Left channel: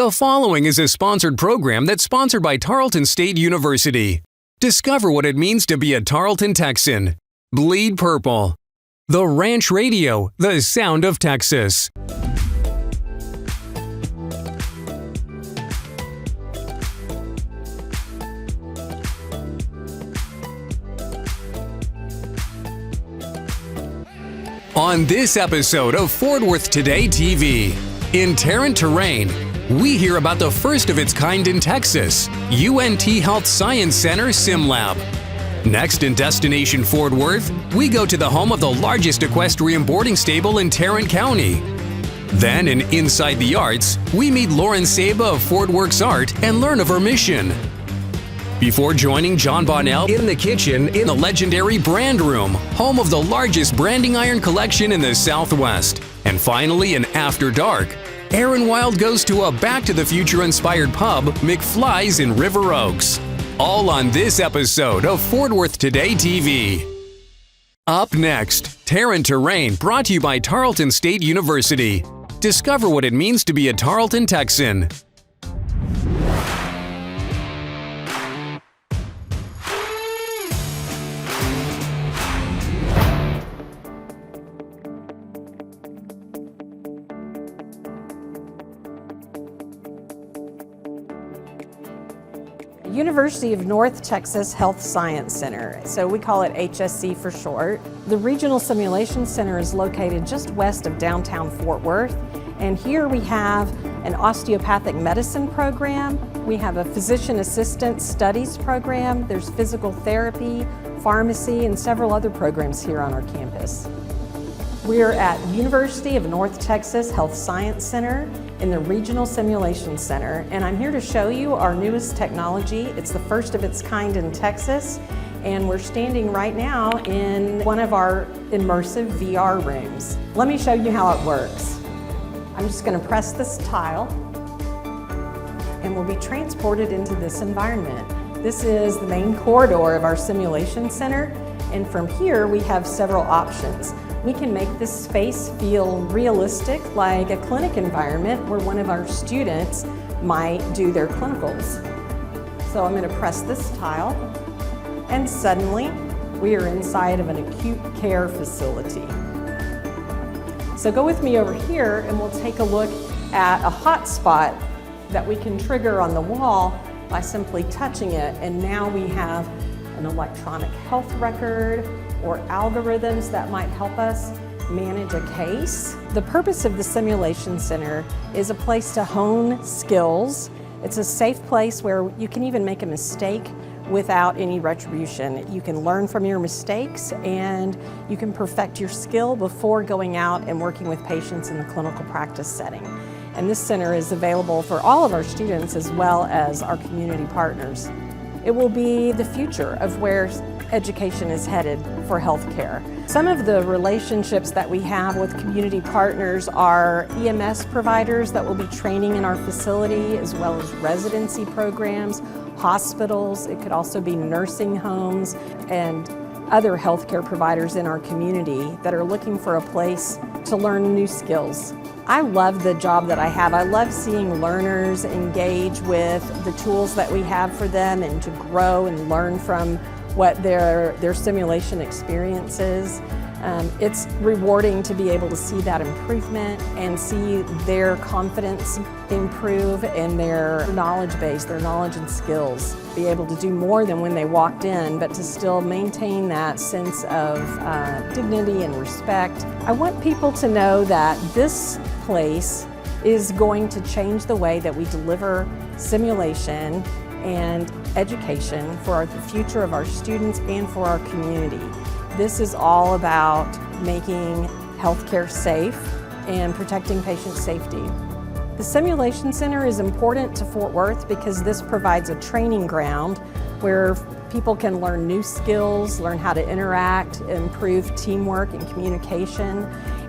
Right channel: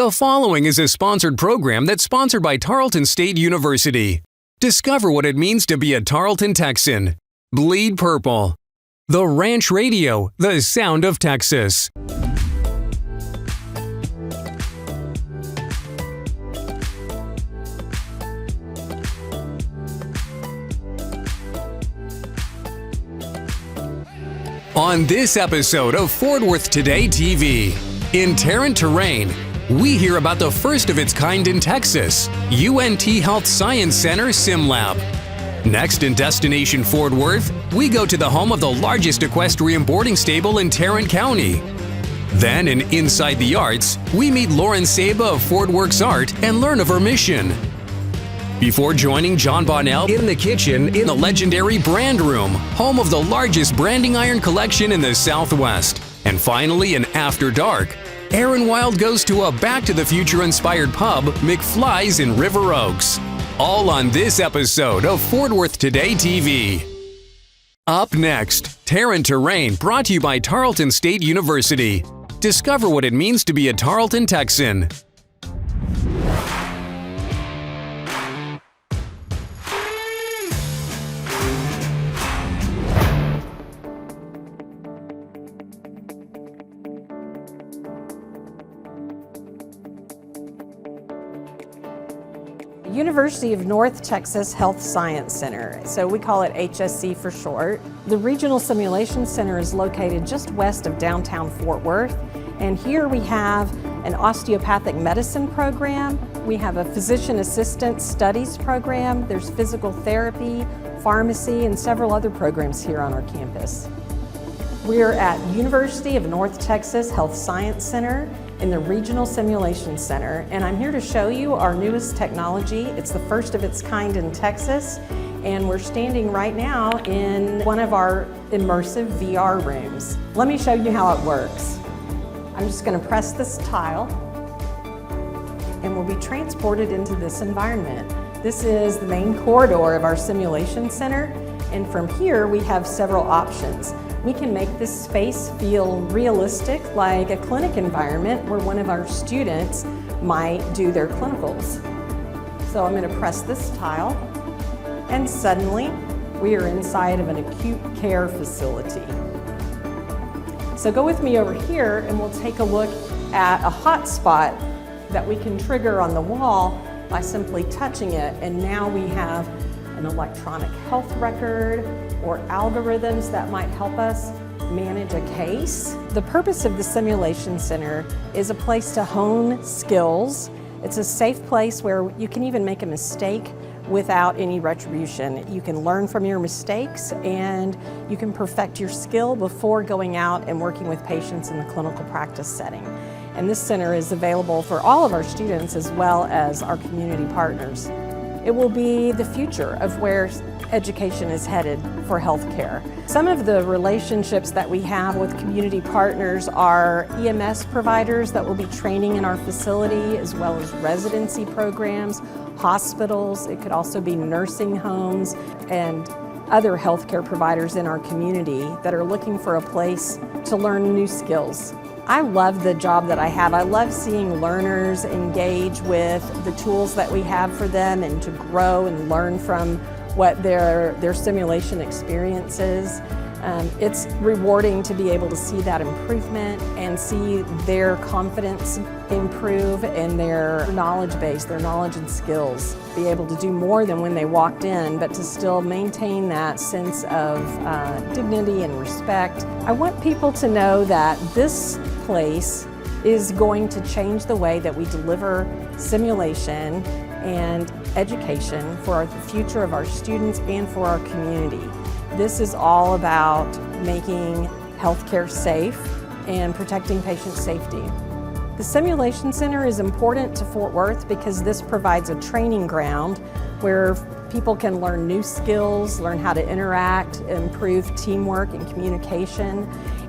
The following is a sponsored program that's sponsored by Tarleton State University. Discover what it means to be a Tarleton Texan. Bleed Purple. The Ranch Radio, the sound of Texas. On this episode of Fort Worth Today TV, in Tarrant Terrain, we hear about the first of its kind in Texas, UNT Health Science Center SimLab. Next in Destination Fort Worth, we go to the home of the largest equestrian boarding stable in Tarrant County. Then in Inside the Arts, we meet Lauren Saba of Fort Works Art and learn of her mission. Before joining John Bonnell in the kitchen in the legendary Brand Room, home of the largest branding iron collection in the Southwest. And finally, in After Dark, Aaron Wild goes to a Back to the Future-inspired pub, McFly's in River Oaks. All on this episode of Fort Worth Today TV. Up next, Tarrant Terrain, brought to you by Tarleton State University. Discover what it means to be a Tarleton Texan. University of North Texas Health Science Center, so we call it HSC for short. The Regional Simulation Center is located just west of downtown Fort Worth, and here we have an osteopathic medicine program, we have a physician assistant studies program, there's physical therapy, pharmacy, and several other programs here on our campus. We're at University of North Texas Health Science Center in the Regional Simulation Center, and I'm here to show you our newest technology. It's the first of its kind in Texas, and we're standing right now in one of our immersive VR rooms. Let me show you how it works. I'm just going to press this tile, and we'll be transported into this environment. This is the main corridor of our simulation center, and from here we have several options. We can make this space feel realistic, like a clinic environment where one of our students might do their clinicals. So I'm going to press this tile, and suddenly we are inside of an acute care facility. So go with me over here and we'll take a look at a hotspot that we can trigger on the wall by simply touching it, and now we have an electronic health record or algorithms that might help us manage a case. The purpose of the Simulation Center is a place to hone skills. It's a safe place where you can even make a mistake without any retribution. You can learn from your mistakes and you can perfect your skill before going out and working with patients in the clinical practice setting. And this center is available for all of our students as well as our community partners. It will be the future of where education is headed for healthcare. Some of the relationships that we have with community partners are EMS providers that will be training in our facility, as well as residency programs, hospitals. It could also be nursing homes and other healthcare providers in our community that are looking for a place to learn new skills. I love the job that I have. I love seeing learners engage with the tools that we have for them and to grow and learn from what their simulation experience is. It's rewarding to be able to see that improvement and see their confidence improve and their knowledge base, their knowledge and skills, be able to do more than when they walked in, but to still maintain that sense of dignity and respect. I want people to know that this place is going to change the way that we deliver simulation and education for the future of our students and for our community. This is all about making healthcare safe and protecting patient safety. The Simulation Center is important to Fort Worth because this provides a training ground where people can learn new skills, learn how to interact, improve teamwork and communication,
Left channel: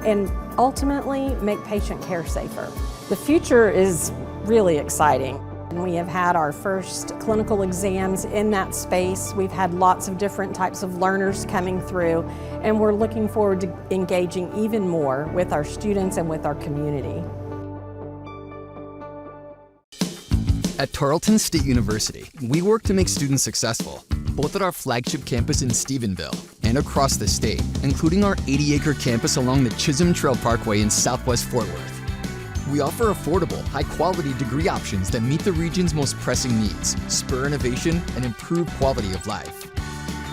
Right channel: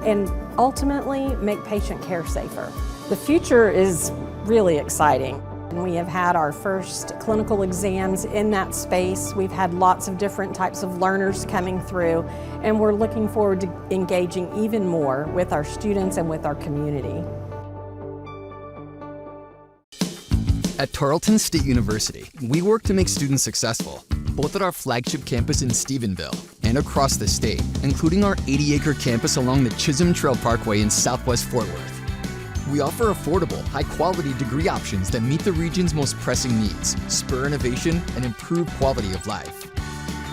and ultimately make patient care safer. The future is really exciting. And we have had our first clinical exams in that space. We've had lots of different types of learners coming through, and we're looking forward to engaging even more with our students and with our community. At Tarleton State University, we work to make students successful, both at our flagship campus in Stephenville and across the state, including our 80-acre campus along the Chisholm Trail Parkway in Southwest Fort Worth. We offer affordable, high-quality degree options that meet the region's most pressing needs, spur innovation, and improve quality of life.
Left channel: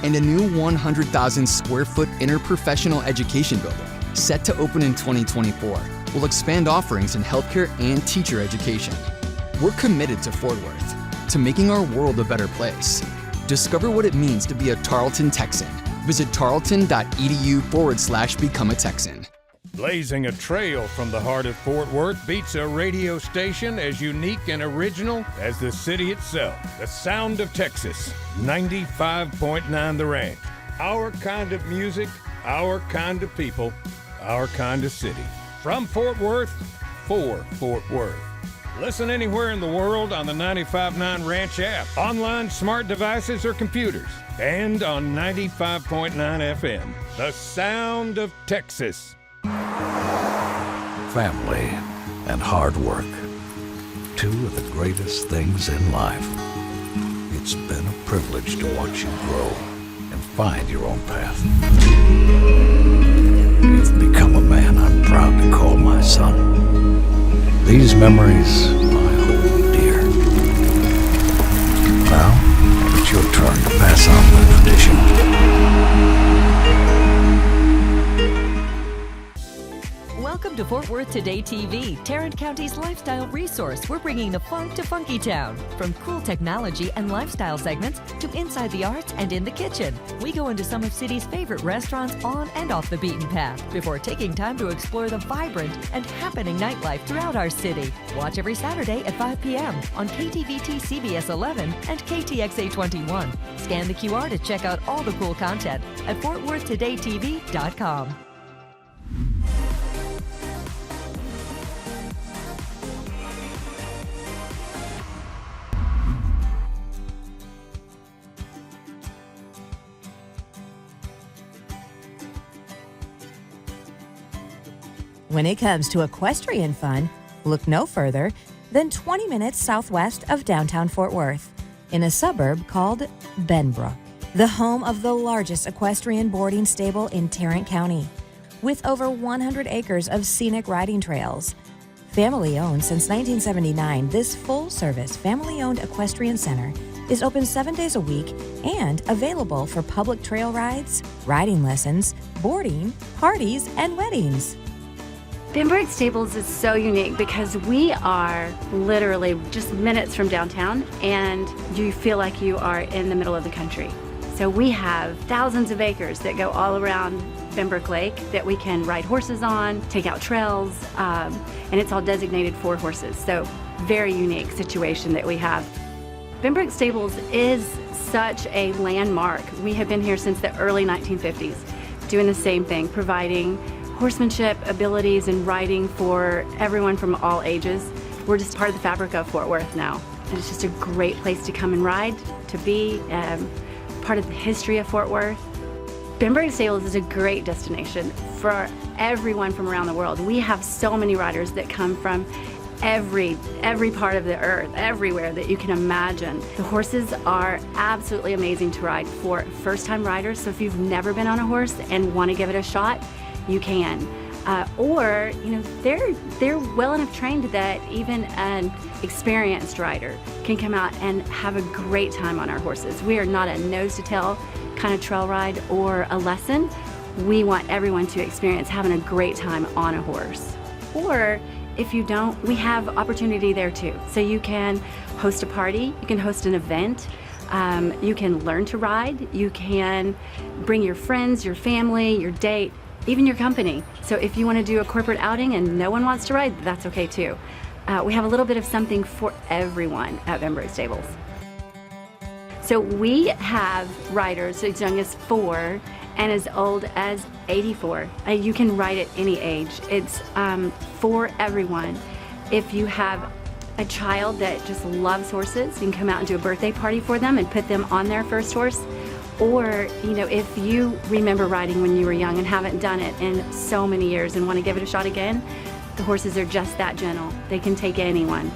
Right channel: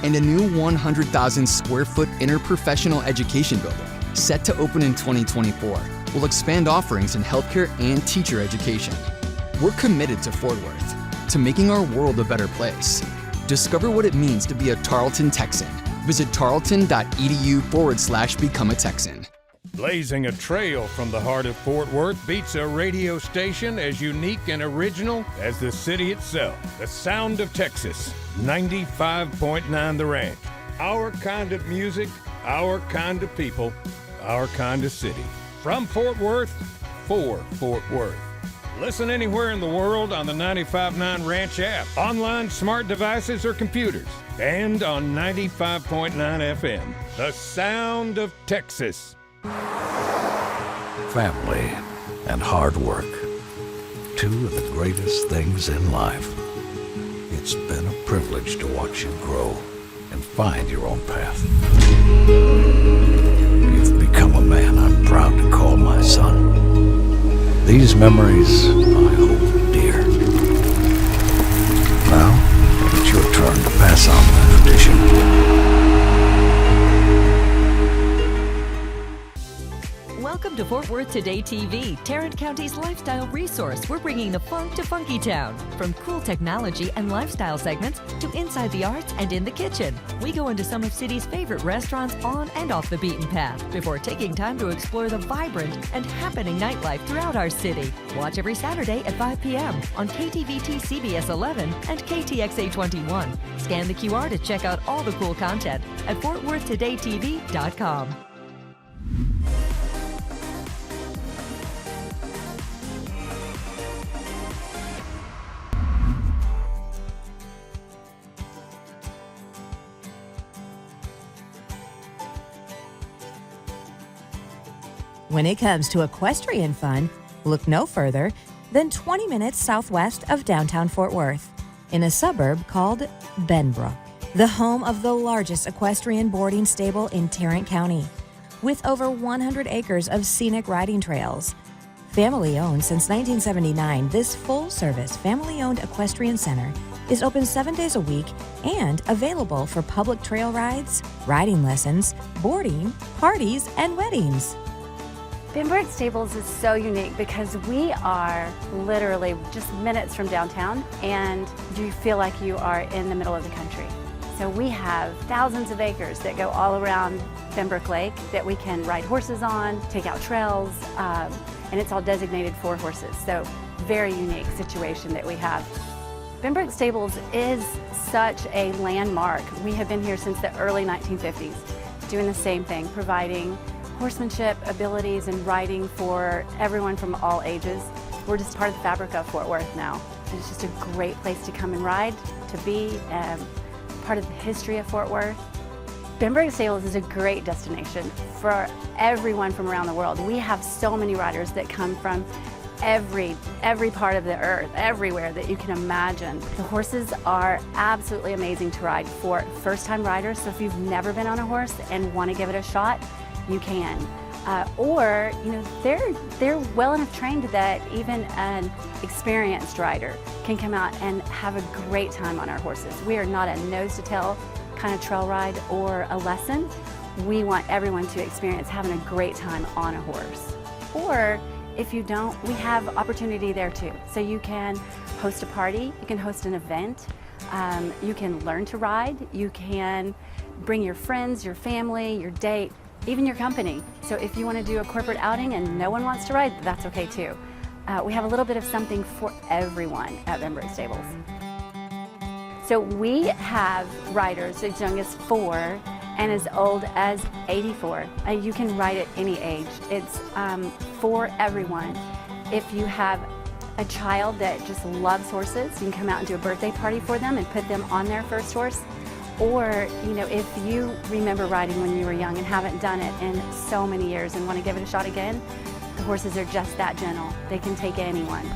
And a new 100,000 square foot interprofessional education building, set to open in 2024, will expand offerings in healthcare and teacher education. We're committed to Fort Worth, to making our world a better place. Discover what it means to be a Tarleton Texan. Visit tarleton.edu/become a Texan. Blazing a trail from the heart of Fort Worth beats a radio station as unique and original as the city itself. The sound of Texas, 95.9 The Ranch. Our kind of music, our kind of people, our kind of city. From Fort Worth, for Fort Worth. Listen anywhere in the world on the 95.9 Ranch app, online smart devices or computers, and on 95.9 FM. The sound of Texas. Family and hard work. Two of the greatest things in life. It's been a privilege to watch you grow and find your own path. You've become a man I'm proud to call my son. These memories I hold dear. Now, it's your turn to pass on the tradition. Welcome to Fort Worth Today TV, Tarrant County's lifestyle resource. We're bringing the funk to Funky Town. From cool technology and lifestyle segments to inside the arts and in the kitchen. We go into some of city's favorite restaurants on and off the beaten path before taking time to explore the vibrant and happening nightlife throughout our city. Watch every Saturday at 5 p.m. on KTVT CBS 11 and KTXA 21. Scan the QR to check out all the cool content at FortWorthTodayTV.com. When it comes to equestrian fun, look no further than 20 minutes southwest of downtown Fort Worth, in a suburb called Benbrook, the home of the largest equestrian boarding stable in Tarrant County, with over 100 acres of scenic riding trails. Family-owned since 1979, this full-service, family-owned equestrian center is open 7 days a week and available for public trail rides, riding lessons, boarding, parties, and weddings. Benbrook Stables is so unique because we are literally just minutes from downtown and you feel like you are in the middle of the country. So we have thousands of acres that go all around Benbrook Lake that we can ride horses on, take out trails, and it's all designated for horses. So very unique situation that we have. Benbrook Stables is such a landmark. We have been here since the early 1950s, doing the same thing, providing horsemanship, abilities, and riding for everyone from all ages. We're just part of the fabric of Fort Worth now. And it's just a great place to come and ride, to be part of the history of Fort Worth. Benbrook Stables is a great destination for everyone from around the world. We have so many riders that come from every part of the earth, everywhere that you can imagine. The horses are absolutely amazing to ride for first-time riders. So if you've never been on a horse and want to give it a shot, you can. Or, you know, they're well enough trained that even an experienced rider can come out and have a great time on our horses. We are not a nose-to-tail kind of trail ride or a lesson. We want everyone to experience having a great time on a horse. Or if you don't, we have opportunity there too. So you can host a party, you can host an event, you can learn to ride, you can bring your friends, your family, your date, even your company. So if you want to do a corporate outing and no one wants to ride, that's okay too. We have a little bit of something for everyone at Benbrook Stables. So we have riders as young as 4 and as old as 84. You can ride at any age. It's for everyone. If you have a child that just loves horses, you can come out and do a birthday party for them and put them on their first horse. Or, you know, if you remember riding when you were young and haven't done it in so many years and want to give it a shot again, the horses are just that gentle. They can take anyone.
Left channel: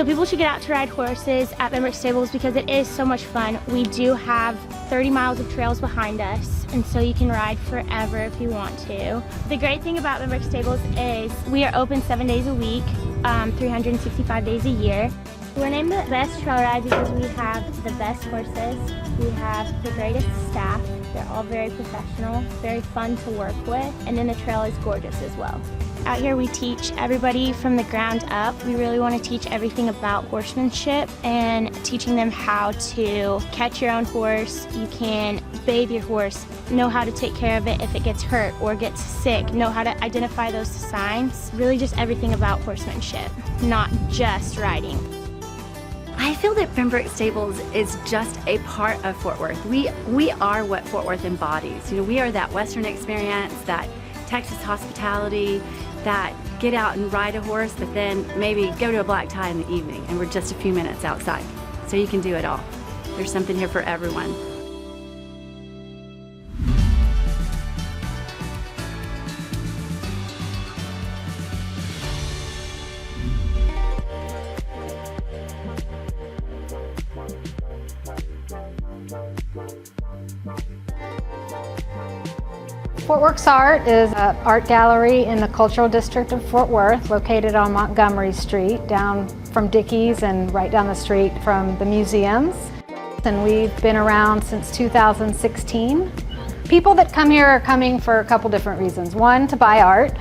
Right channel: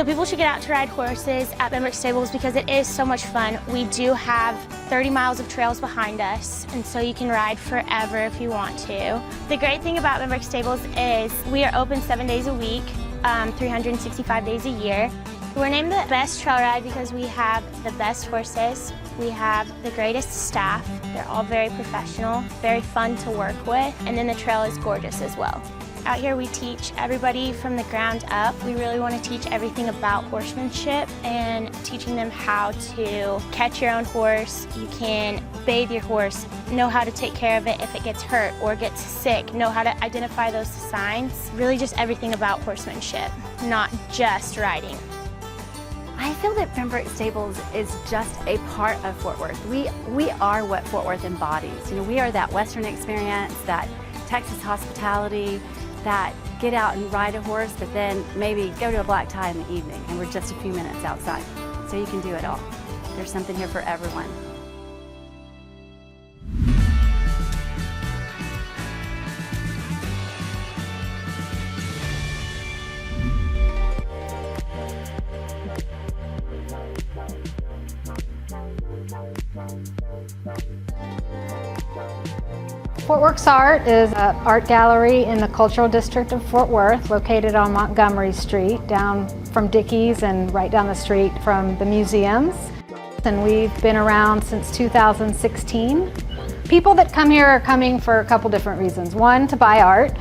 So people should get out to ride horses at Benbrook Stables because it is so much fun. We do have 30 miles of trails behind us, and so you can ride forever if you want to. The great thing about Benbrook Stables is we are open 7 days a week, 365 days a year. We're named the best trail ride because we have the best horses, we have the greatest staff, they're all very professional, very fun to work with, and then the trail is gorgeous as well. Out here we teach everybody from the ground up. We really want to teach everything about horsemanship and teaching them how to catch your own horse. You can bathe your horse, know how to take care of it if it gets hurt or gets sick, know how to identify those signs. Really just everything about horsemanship, not just riding. I feel that Benbrook Stables is just a part of Fort Worth. We are what Fort Worth embodies. You know, we are that Western experience, that Texas hospitality, that get out and ride a horse, but then maybe go to a black tie in the evening, and we're just a few minutes outside. So you can do it all. There's something here for everyone. Fort Works Art is an art gallery in the Cultural District of Fort Worth, located on Montgomery Street, down from Dickey's and right down the street from the museums. And we've been around since 2016. People that come here are coming for a couple different reasons. One, to buy art,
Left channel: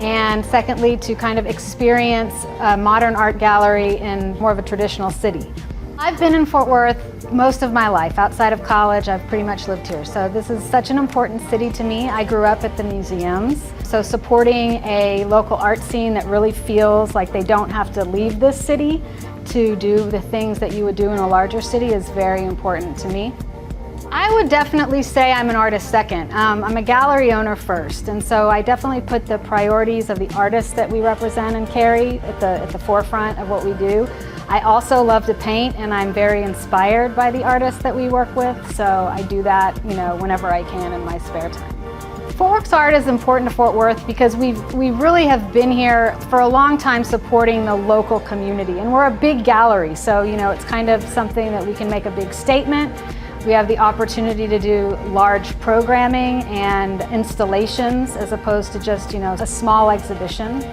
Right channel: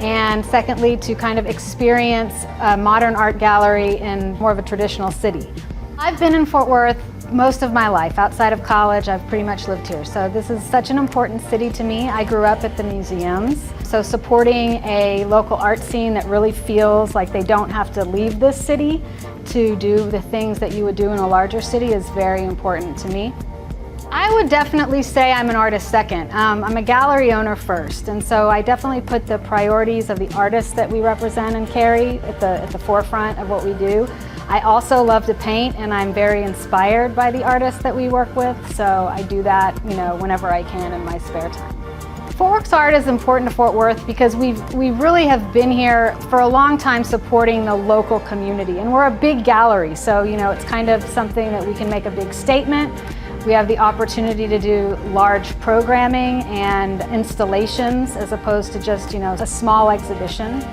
and secondly, to kind of experience a modern art gallery in more of a traditional city. I've been in Fort Worth most of my life. Outside of college, I've pretty much lived here. So this is such an important city to me. I grew up at the museums. So supporting a local art scene that really feels like they don't have to leave this city to do the things that you would do in a larger city is very important to me. I would definitely say I'm an artist second. I'm a gallery owner first, and so I definitely put the priorities of the artists that we represent and carry at the forefront of what we do. I also love to paint, and I'm very inspired by the artists that we work with, so I do that, you know, whenever I can in my spare time. Fort Works Art is important to Fort Worth because we really have been here for a long time supporting the local community, and we're a big gallery, so you know it's kind of something that we can make a big statement. We have the opportunity to do large programming and installations as opposed to just, you know, a small exhibition.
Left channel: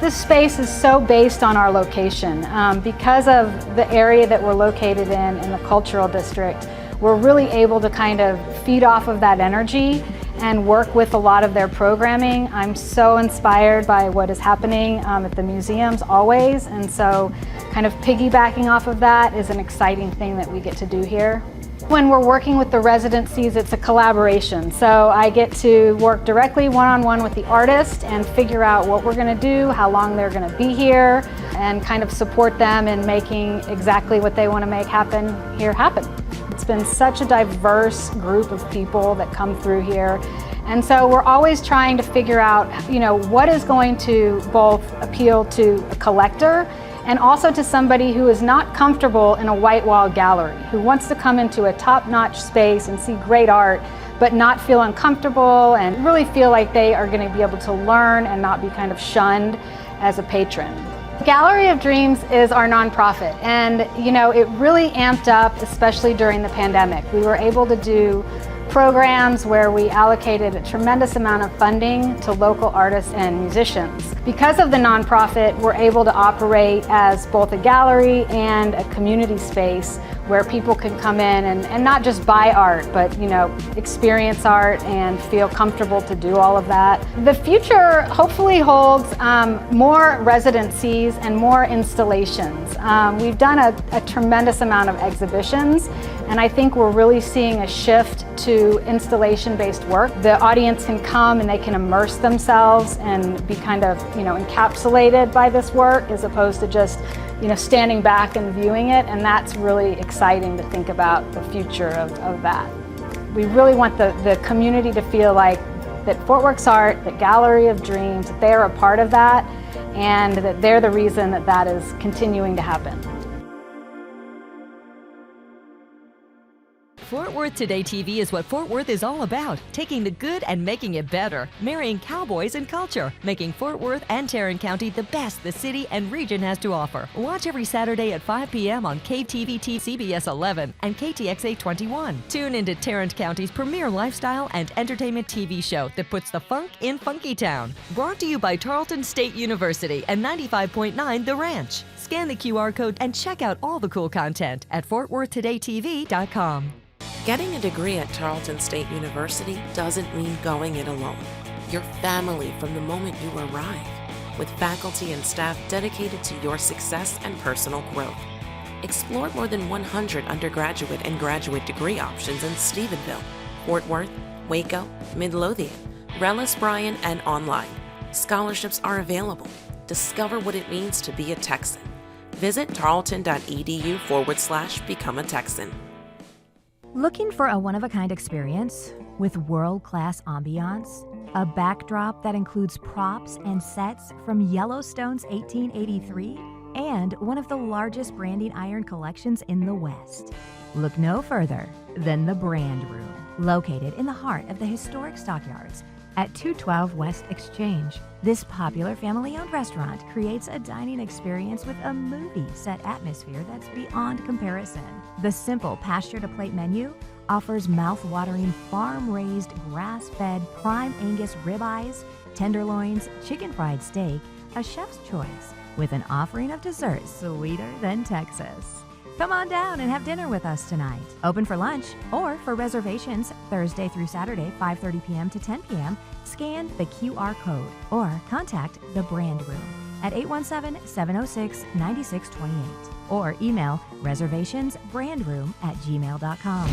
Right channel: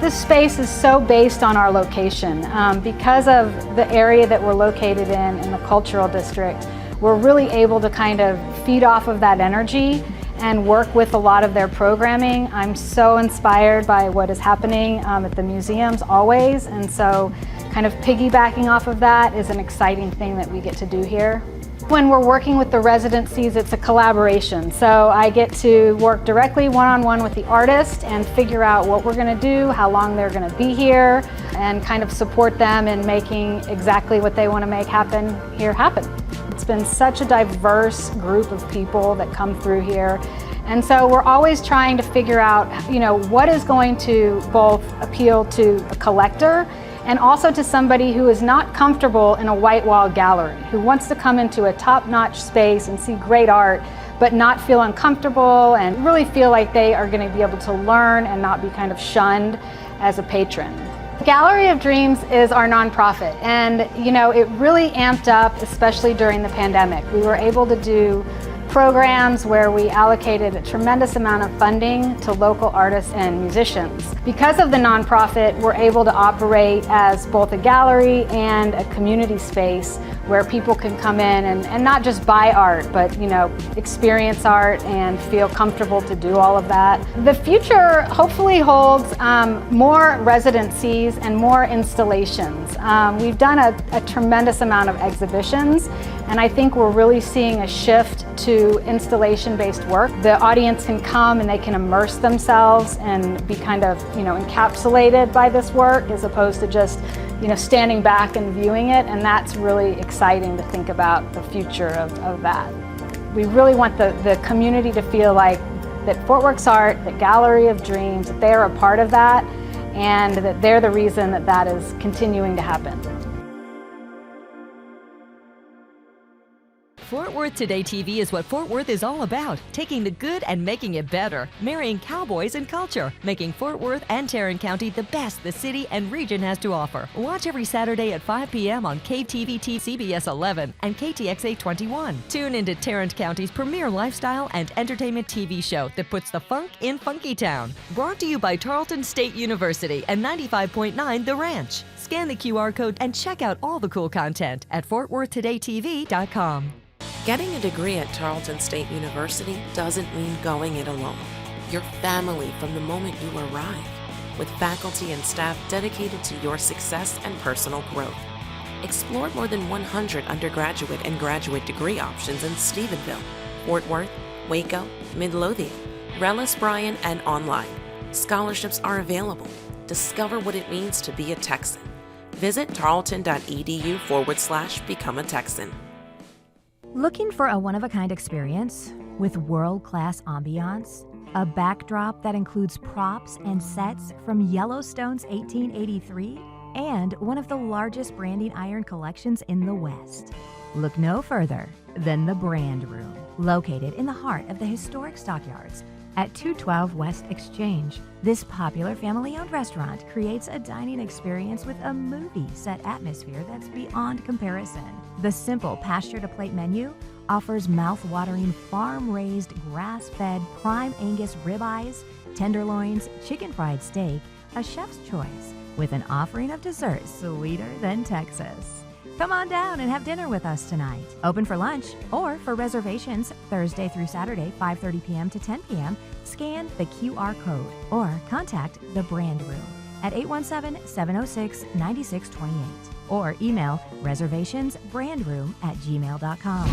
This space is so based on our location. Because of the area that we're located in the cultural district, we're really able to kind of feed off of that energy and work with a lot of their programming. I'm so inspired by what is happening at the museums always, and so kind of piggybacking off of that is an exciting thing that we get to do here. When we're working with the residencies, it's a collaboration. So I get to work directly one-on-one with the artist and figure out what we're going to do, how long they're going to be here, and kind of support them in making exactly what they want to make happen here happen. It's been such a diverse group of people that come through here. And so we're always trying to figure out, you know, what is going to both appeal to a collector and also to somebody who is not comfortable in a white wall gallery, who wants to come into a top-notch space and see great art, but not feel uncomfortable and really feel like they are going to be able to learn and not be kind of shunned as a patron. Gallery of Dreams is our nonprofit, and you know, it really amped up, especially during the pandemic. We were able to do programs where we allocated a tremendous amount of funding to local artists and musicians. Because of the nonprofit, we're able to operate as both a gallery and a community space where people can come in and not just buy art, but you know, experience art and feel comfortable to do all of that. The future hopefully holds more residencies and more installations. We've done a tremendous amount of exhibitions, and I think we're really seeing a shift to installation-based work. The audience can come and they can immerse themselves and be kind of, you know, encapsulated by this work as opposed to just, you know, standing back and viewing it, and that's really exciting to think about the future of that. We really want the community to feel like that Fort Works Art, the Gallery of Dreams, that they're a part of that and that they're the reason that that is continuing to happen. Fort Worth Today TV is what Fort Worth is all about, taking the good and making it better, marrying cowboys and culture, making Fort Worth and Tarrant County the best the city and region has to offer. Watch every Saturday at 5 p.m. on KTVT CBS 11 and KTXA 21. Tune into Tarrant County's premier lifestyle and entertainment TV show that puts the funk in Funky Town. Brought to you by Tarleton State University and 95.9 The Ranch. Scan the QR code and check out all the cool content at FortWorthTodayTV.com. Getting a degree at Tarleton State University doesn't mean going it alone. You're family from the moment you arrive, with faculty and staff dedicated to your success and personal growth. Explore more than 100 undergraduate and graduate degree options in Stephenville, Fort Worth, Waco, Midlothian, Rellis Bryan, and online. Scholarships are available. Discover what it means to be a Texan. Visit tarleton.edu/become a Texan. Looking for a one-of-a-kind experience with world-class ambiance? A backdrop that includes props and sets from Yellowstone's 1883 and one of the largest branding iron collections in the West. Look no further than the Brand Room, located in the heart of the historic Stockyards at 212 West Exchange. This popular family-owned restaurant creates a dining experience with a movie-set atmosphere that's beyond comparison. The simple pasture-to-plate menu offers mouth-watering farm-raised, grass-fed prime Angus ribeyes, tenderloins, chicken fried steak, a chef's choice, with an offering of desserts sweeter than Texas. Come on down and have dinner with us tonight. Open for lunch or for reservations Thursday through Saturday, 5:30 p.m. to 10 p.m. Scan the QR code or contact the Brand Room at 817-706-9628 or email reservationsbrandroom@gmail.com.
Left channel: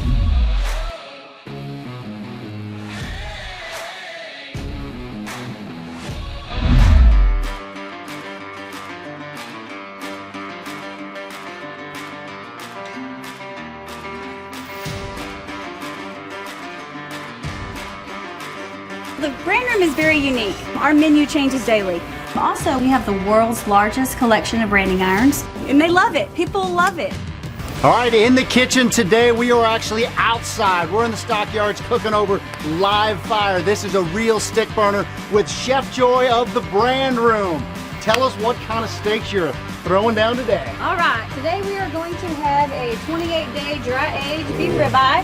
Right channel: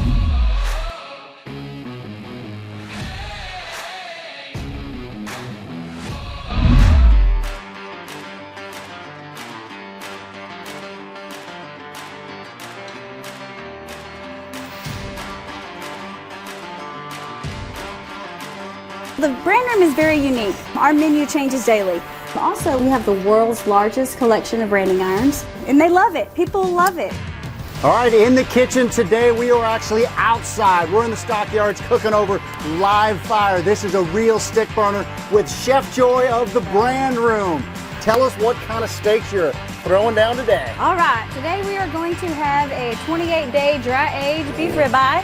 The Brand Room is very unique. Our menu changes daily. Also, we have the world's largest collection of branding irons, and they love it. People love it. All right, in the kitchen today, we are actually outside. We're in the Stockyards cooking over live fire. This is a real stick burner with Chef Joy of the Brand Room. Tell us what kind of steaks you're throwing down today. All right, today we are going to have a 28-day dry-aged beef ribeye.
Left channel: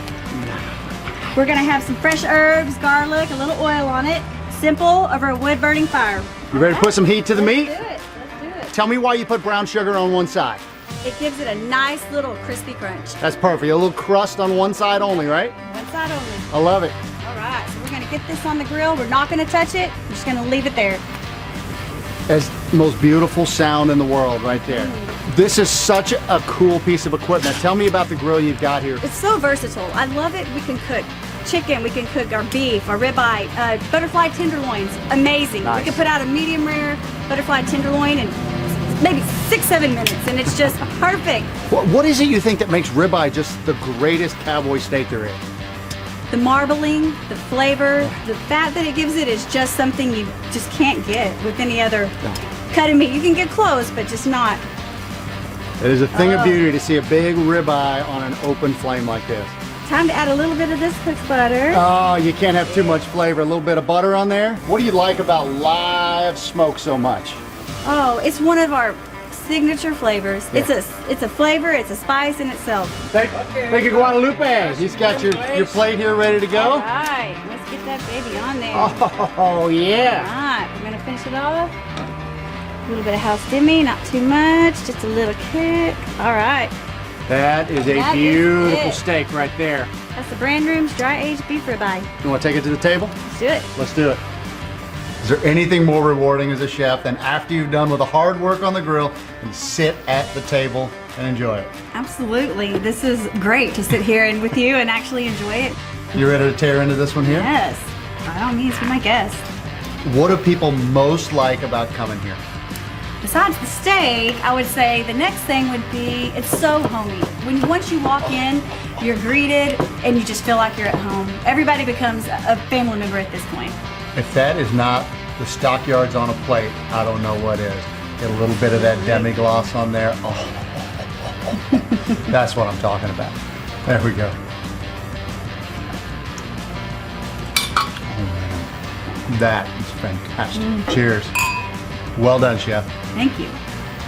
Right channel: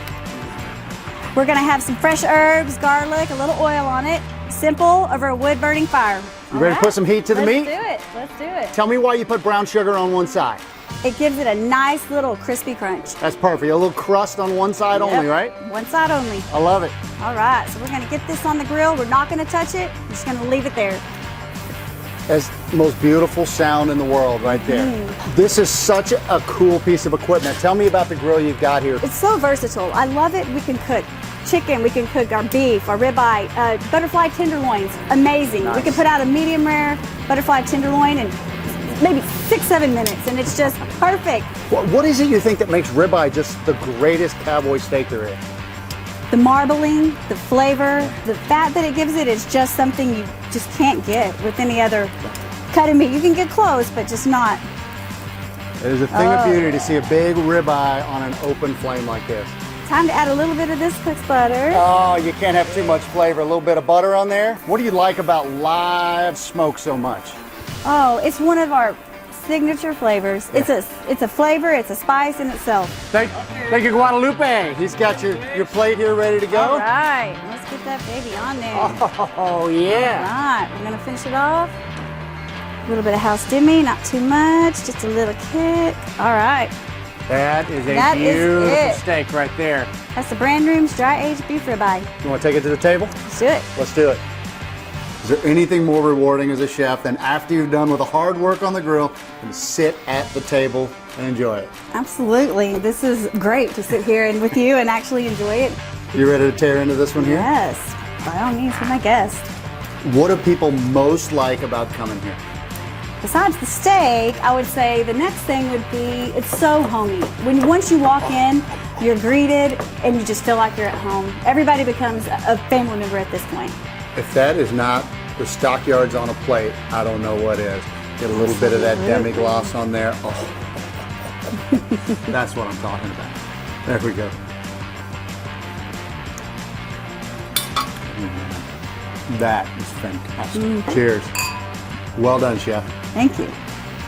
We're gonna have some fresh herbs, garlic, a little oil on it. Simple over a wood-burning fire. You ready to put some heat to the meat? Let's do it, let's do it. Tell me why you put brown sugar on one side. It gives it a nice little crispy crunch. That's perfect, a little crust on one side only, right? One side only. I love it. All right, so we're gonna get this on the grill. We're not gonna touch it, we're just gonna leave it there. That's the most beautiful sound in the world right there. This is such a cool piece of equipment. Tell me about the grill you got here. It's so versatile. I love it. We can cook chicken, we can cook our beef, our ribeye, butterfly tenderloins. Amazing. Nice. We can put out a medium rare butterfly tenderloin in maybe 6-7 minutes, and it's just perfect. What is it you think that makes ribeye just the greatest cowboy steak there is? The marbling, the flavor, the fat that it gives it is just something you just can't get with any other cut of meat. You can get close, but just not. It is a thing of beauty to see a big ribeye on an open flame like this. Time to add a little bit of this cooked butter. Oh, you can't have too much flavor. A little bit of butter on there. What do you like about live smoke so much? Oh, it's one of our signature flavors. Yeah. It's a flavor, it's a spice in itself. Thank you, Guadalupe. He's got your plate here ready to go. All right, let's get that baby on there. Oh, yeah. All right, we're gonna finish it off. A little bit of house demi, not too much, just a little kick. All right. That is a beautiful steak right there. That's the Brand Room's dry-aged beef ribeye. You want to take it to the table? Let's do it. Let's do it. Is there anything more rewarding as a chef than after you've done with the hard work on the grill and sit at the table and enjoy it? Absolutely. This is great to sit here and with you and actually enjoy it. You ready to tear into this one here? Yes. By all means, be my guest. What do people most like about coming here? Besides the steak, I would say the next thing would be it's so homey. Once you walk in, you're greeted and you just feel like you're at home. Everybody becomes a family member at this point. If that is not the Stockyards on a plate, I don't know what is. Get a little bit of that demi-glace on there. Oh. That's what I'm talking about. There we go. That is fantastic. Cheers. Well done, Chef. Thank you.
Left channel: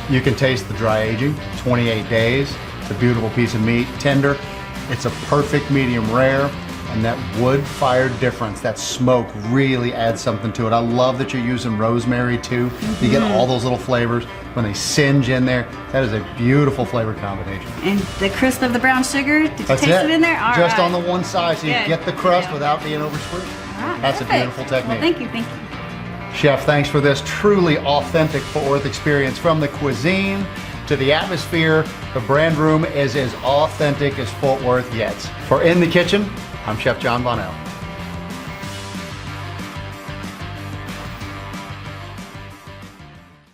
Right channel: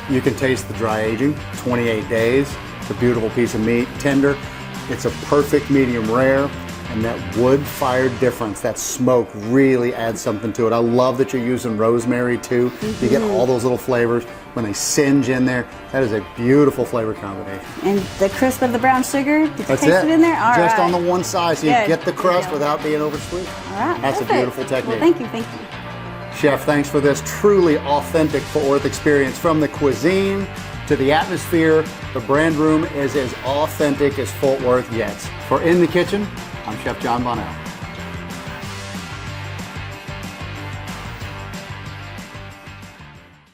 You can taste the dry aging, 28 days. It's a beautiful piece of meat, tender. It's a perfect medium rare, and that wood-fired difference, that smoke really adds something to it. I love that you're using rosemary too. You get all those little flavors when they singe in there. That is a beautiful flavor combination. And the crisp of the brown sugar, did you taste it in there? All Just right. on the one side, so you Good. get the crust without being over sweet. All right, That's perfect. a beautiful technique. Well, thank you, thank you. Chef, thanks for this truly authentic Fort Worth experience. From the cuisine to the atmosphere, the brand room is as authentic as Fort Worth gets. For In the Kitchen, I'm Chef John Bonnell.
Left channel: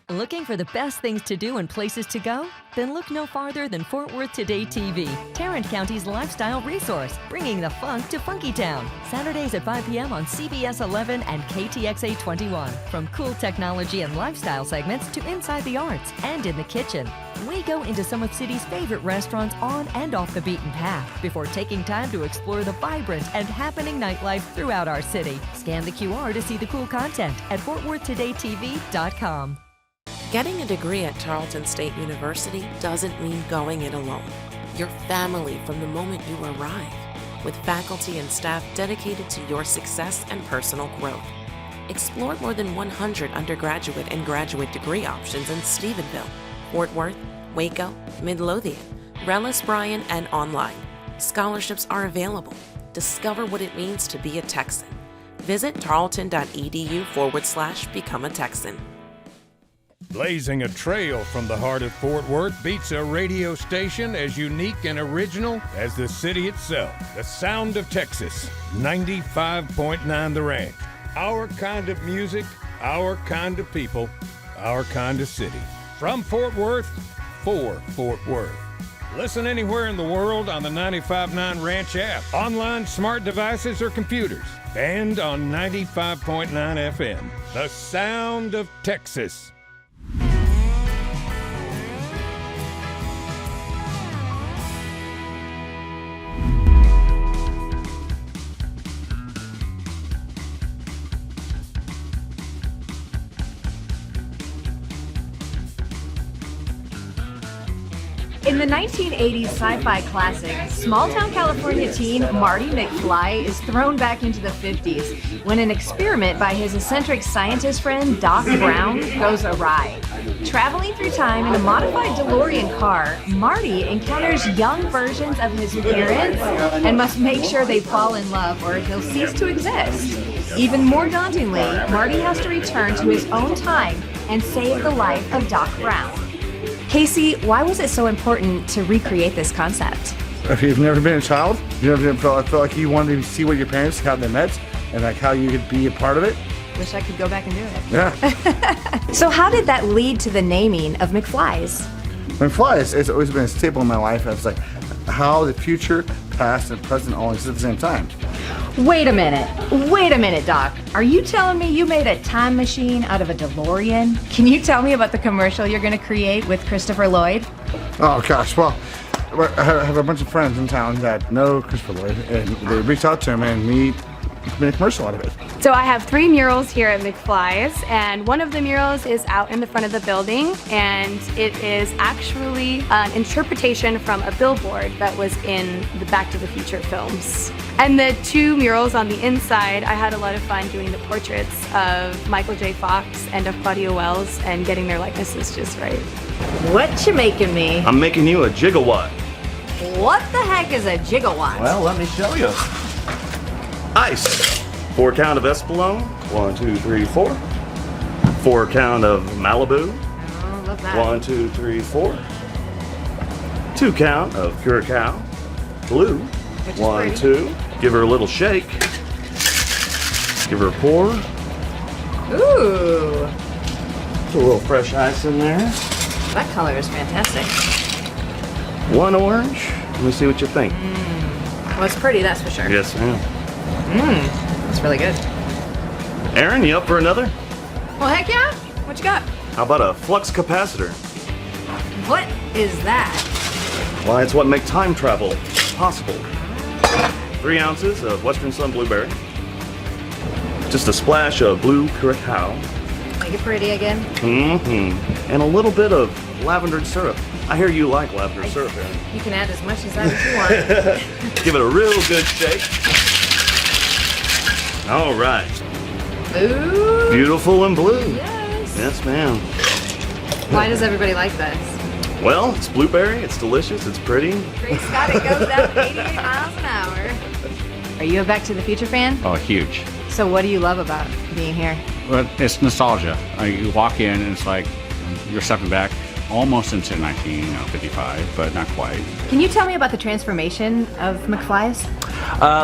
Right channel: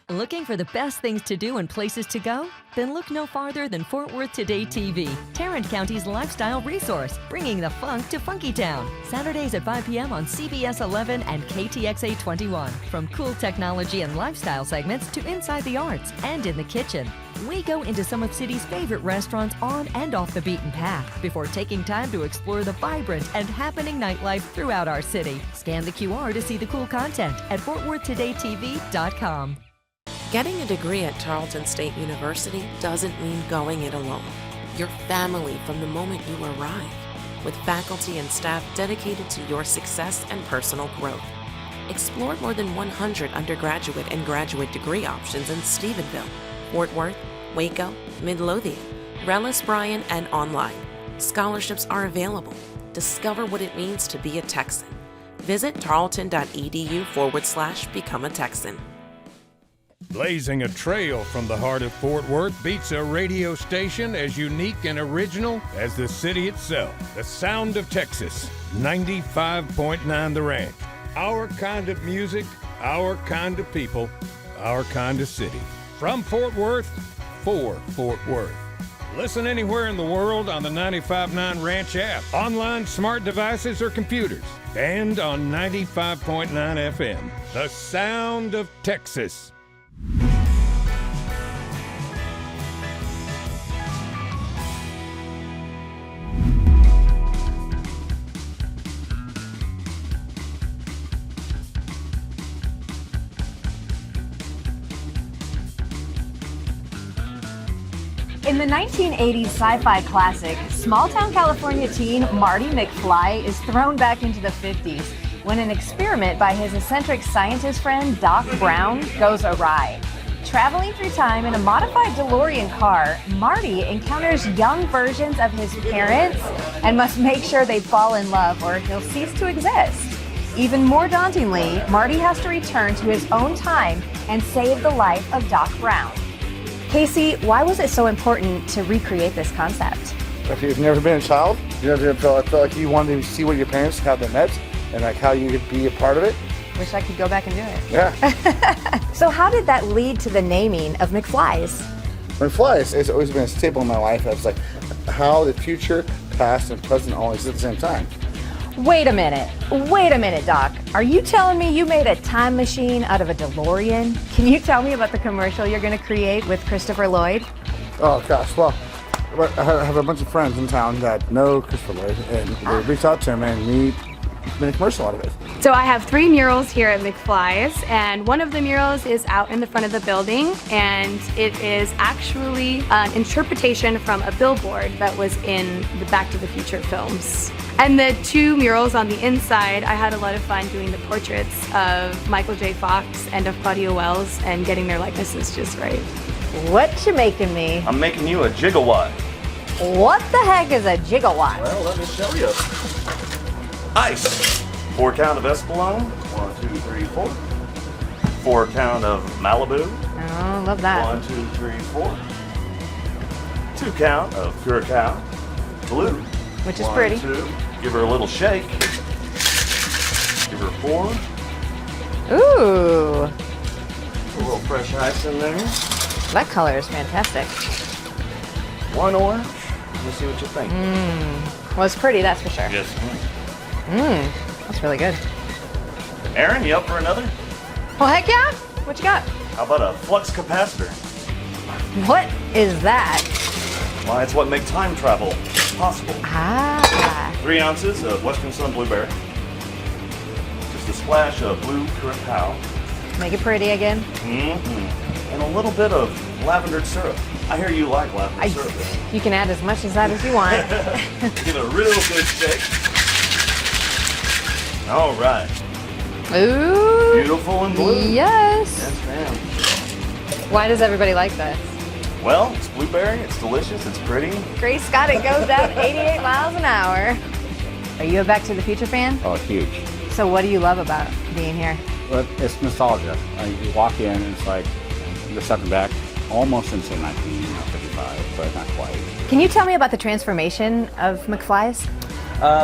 Looking for the best things to do and places to go? Then look no farther than Fort Worth Today TV, Tarrant County's lifestyle resource, bringing the funk to Funkytown. Saturdays at 5 p.m. on CBS 11 and KTXA 21. From cool technology and lifestyle segments to inside the arts and in the kitchen. We go into some of city's favorite restaurants on and off the beaten path before taking time to explore the vibrant and happening nightlife throughout our city. Scan the QR to see the cool content at FortWorthTodayTV.com. Getting a degree at Tarleton State University doesn't mean going it alone. You're family from the moment you arrive, with faculty and staff dedicated to your success and personal growth. Explore more than 100 undergraduate and graduate degree options in Stephenville, Fort Worth, Waco, Midlothian, Rellis Bryan, and online. Scholarships are available. Discover what it means to be a Texan. Visit tarleton.edu/become a Texan. Blazing a trail from the heart of Fort Worth beats a radio station as unique and original as the city itself. The sound of Texas, 95.9 The Ranch. Our kind of music, our kind of people, our kind of city. From Fort Worth, for Fort Worth. Listen anywhere in the world on the 95.9 Ranch app, online, smart devices, or computers, and on 95.9 FM. The sound of Texas. In the 1980s sci-fi classic, small-town California teen Marty McFly is thrown back into the 50s when an experiment by his eccentric scientist friend Doc Brown goes awry. Traveling through time in a modified DeLorean car, Marty encounters young versions of his parents and must make sure they fall in love or he'll cease to exist. Even more dauntingly, Marty has to return to his own time and save the life of Doc Brown. Casey, why was it so important to recreate this concept? If you've never been a child, you never felt like you wanted to see what your parents, how they met, and like how you could be a part of it. Wish I could go back and do it. Yeah. So how did that lead to the naming of McFly's? McFly's, it's always been a staple in my life. It's like how the future, past, and present all exist at the same time. Wait a minute, Doc. Are you telling me you made a time machine out of a DeLorean? Can you tell me about the commercial you're going to create with Christopher Lloyd? Oh gosh, well, I have a bunch of friends in town that know Christopher Lloyd, and they reach out to him, and we made a commercial out of it. So I have 3 murals here at McFly's, and one of the murals is out in the front of the building, and it is actually an interpretation from a billboard that was in the Back to the Future films. And the 2 murals on the inside, I had a lot of fun doing the portraits of Michael J. Fox and of Claudia Wells and getting their likenesses just right. What you making me? I'm making you a gigawatt. What the heck is a gigawatt? Well, let me show you. Ice. 4 count of Espolòn. 1, 2, 3, 4. 4 count of Malibu. Oh, love that. 1, 2, 3, 4. 2 count of Curacao. Blue. Which is 1, pretty. 2. Give her a little shake. Give her a pour. Ooh, Put a little fresh ice in there. that color is fantastic. 1 orange. Let me see what you think. Well, it's pretty, that's for sure. Yes, ma'am. It's really good. Aaron, you up for another? Well, heck yeah. What you got? How about a flux capacitor? What is that? Why, it's what makes time travel possible. Ah. 3 ounces of Western Sun Blueberry. just a splash of blue curacao. Make it pretty again. And a little bit of lavender syrup. I hear you like lavender syrup. You can add as much as that as you want. Give it a real good shake. All right. Ooh. Beautiful and blue. Yes. Yes, ma'am. Why does everybody like this? Well, it's blueberry, it's delicious, it's pretty. Great Scott, it goes down to 88 miles an hour. Are you a Back to the Future fan? Oh, huge. So what do you love about being here? Well, it's nostalgia. You walk in and it's like you're stepping back almost into 1955, but not quite. Can you tell me about the transformation of McFly's?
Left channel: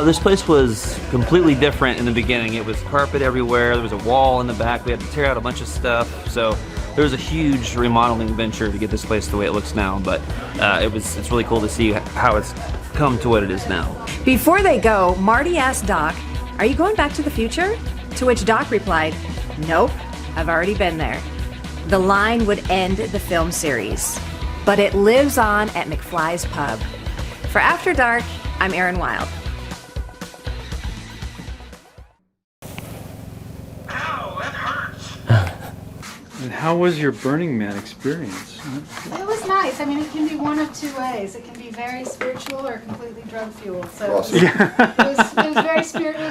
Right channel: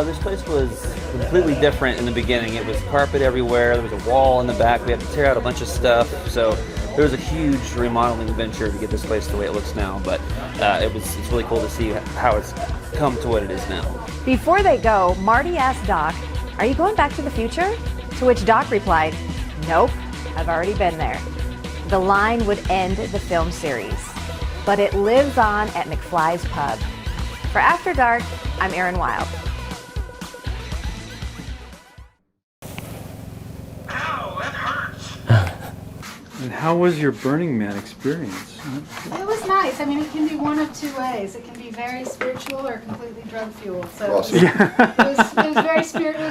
This place was completely different in the beginning. It was carpet everywhere. There was a wall in the back. We had to tear out a bunch of stuff. So there was a huge remodeling venture to get this place the way it looks now. But it's really cool to see how it's come to what it is now. Before they go, Marty asked Doc, "Are you going back to the future?" To which Doc replied, "Nope, I've already been there." The line would end the film series, but it lives on at McFly's Pub. For After Dark, I'm Erin Wild. And how was your Burning Man experience? It was nice. I mean, it can be one of two ways. It can be very spiritual or completely drug fueled. So it was very spiritual.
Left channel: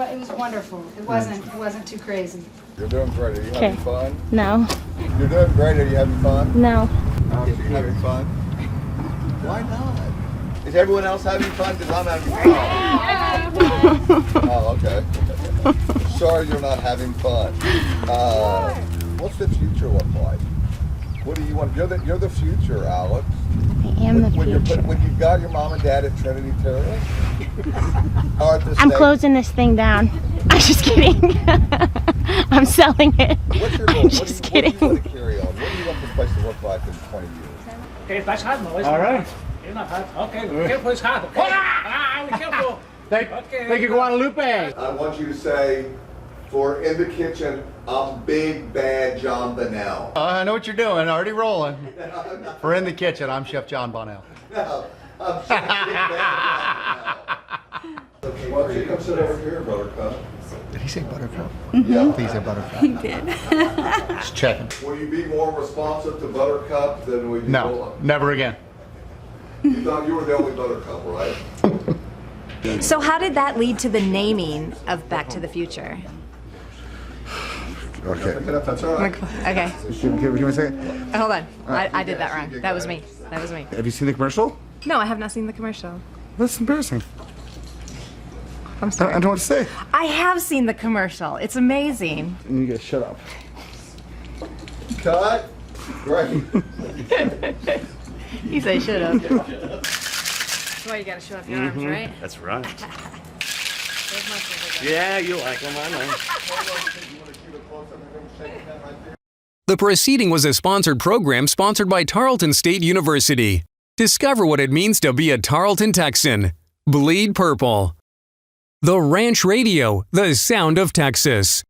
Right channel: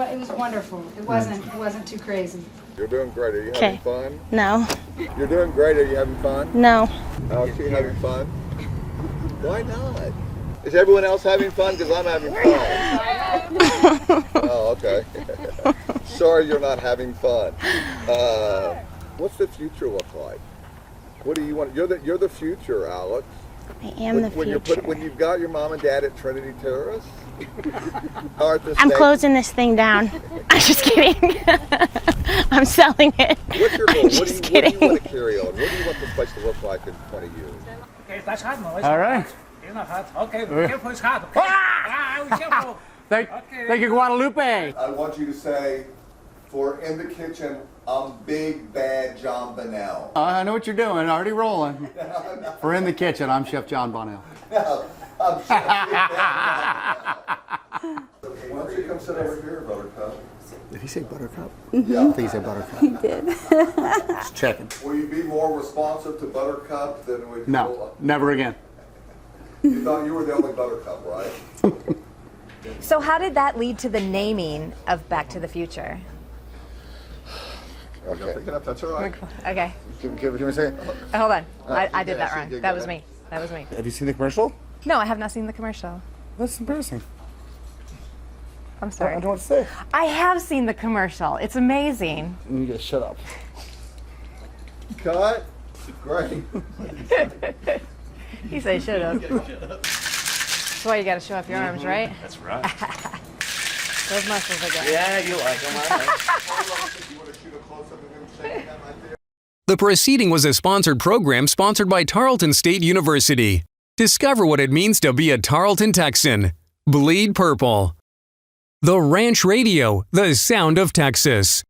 It was wonderful. It wasn't too crazy. You're doing great. Are you having fun? No. You're doing great. Are you having fun? No. Oh, is she having fun? Why not? Is everyone else having fun? Because I'm having fun. Oh, okay. Sorry you're not having fun. What's the future look like? What do you want? You're the future, Alex. I am the future. When you've got your mom and dad at Trinity Terrace, or at the I'm state- closing this thing down. I'm just kidding. I'm selling it. What's your goal? I'm just kidding. What do you want to carry on? What do you want this place to look like in 20 years? All right. Okay, careful, it's hot. Thank you, Guadalupe. I want you to say, for in the kitchen, I'm Big Bad John Bonnell. I know what you're doing. Already rolling. We're in the kitchen. I'm Chef John Bonnell. No, I'm Chef Big Bad John Bonnell. Why don't you come sit over here, Buttercup? Did he say Buttercup? Yeah. I think he said Buttercup. He did. Just checking. Will you be more responsive to Buttercup than we do? No, never again. You thought you were the only Buttercup, right? So how did that lead to the naming of Back to the Future? Okay. That's all right. Okay. Give me a second. Hold on. I did that wrong. That was me. That was me. Have you seen the commercial? No, I have not seen the commercial. That's embarrassing. I'm sorry. I don't know what to say. I have seen the commercial. It's amazing. You gotta shut up. Cut. Great. You say shut up. That's why you gotta show off your arms, right? That's right. Those muscles are good. Yeah, you like them, I know. The proceeding was a sponsored program sponsored by Tarleton State University. Discover what it means to be a Tarleton Texan. Bleed purple. The Ranch Radio, the sound of Texas.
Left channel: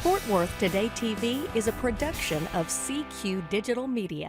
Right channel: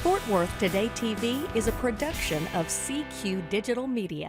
Fort Worth Today TV is a production of CQ Digital Media.